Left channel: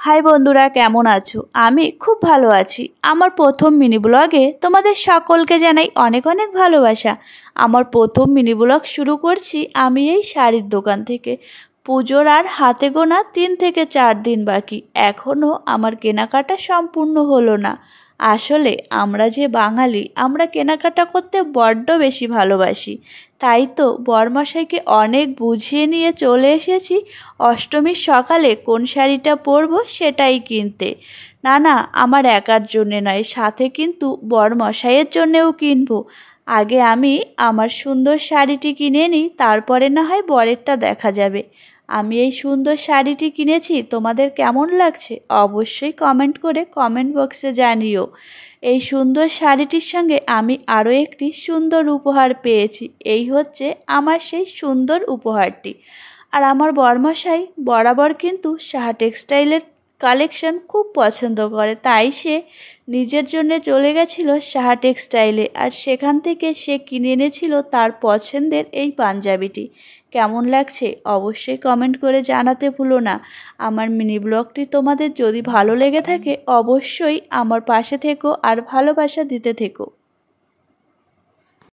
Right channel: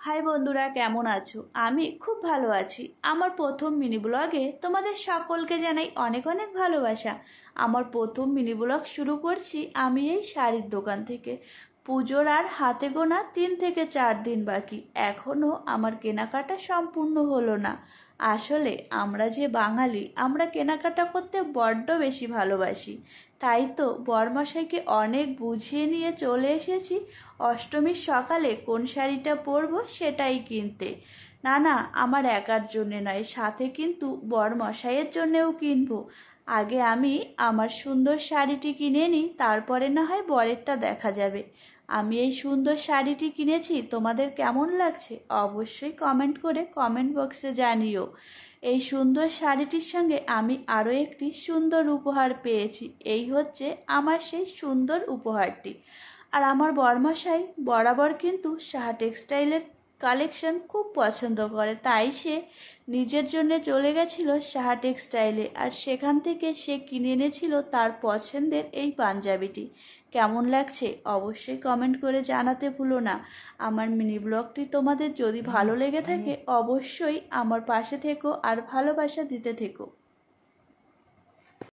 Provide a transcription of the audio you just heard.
High বন্ধুরা, কেমন আছো? আমি খুব ভালো আছি। আমার প্রথম মিনি ব্লগে তোমাদের সকলকে জানাই অনেক অনেক ভালোবাসা। আমার প্রথম মিনি ব্লগ শুরু করছি আমি এই শাড়ির দোকান থেকে। পুজোর আর হাতে গোনা 3 থেকে 4 দিন বাকি, এখনও আমার কেনাকাটা সম্পূর্ণ হলো না। আসলে আমরা যে বাঙালি, আমরা কেনাকাটা করতে বড্ড বেশি ভালোবাসি। তাই তো বরমশাইকে অনেক বুঝিয়ে নিয়ে চলে এসেছি অষ্টমীর সকালে কোন শাড়িটা পরবো সেটাই কিনতে। না না, আমার একার জন্যে নয়, সাথে কিন্তু বরমশাইয়ের জন্যেও কিনবো। আগে আমি আমার সুন্দর শাড়িটি কিনে নিই, তারপরে না হয় বরেরটা দেখা যাবে। আমি এই সুন্দর শাড়িটি কিনেছি, তোমাদের কেমন লাগছে অবশ্যই কমেন্ট করে কমেন্ট বক্সে জানিও। এই সুন্দর শাড়িটির সঙ্গে আমি আরও একটি সুন্দর উপহার পেয়েছি। এই হচ্ছে আমার সেই সুন্দর উপহারটি। আর আমার বরমশাই বরাবর কিন্তু সাহা টেক্সটাইলের কালেকশন খুব পছন্দ করে, তাই সে নিজের জন্য চলে গেছিলো সাহা টেক্সটাইলে, আর সেখান থেকে সে কিনে এনেছিল তার পছন্দের এই পাঞ্জাবিটি। কেমন লাগছে অবশ্যই কমেন্ট করে জানাতে ভুলো না। আমার মিনি ব্লগটি তোমাদের যদি ভালো লেগে থাকে অবশ্যই আমার পাশে থেকো আর ভালোবাসা দিতে থেকো।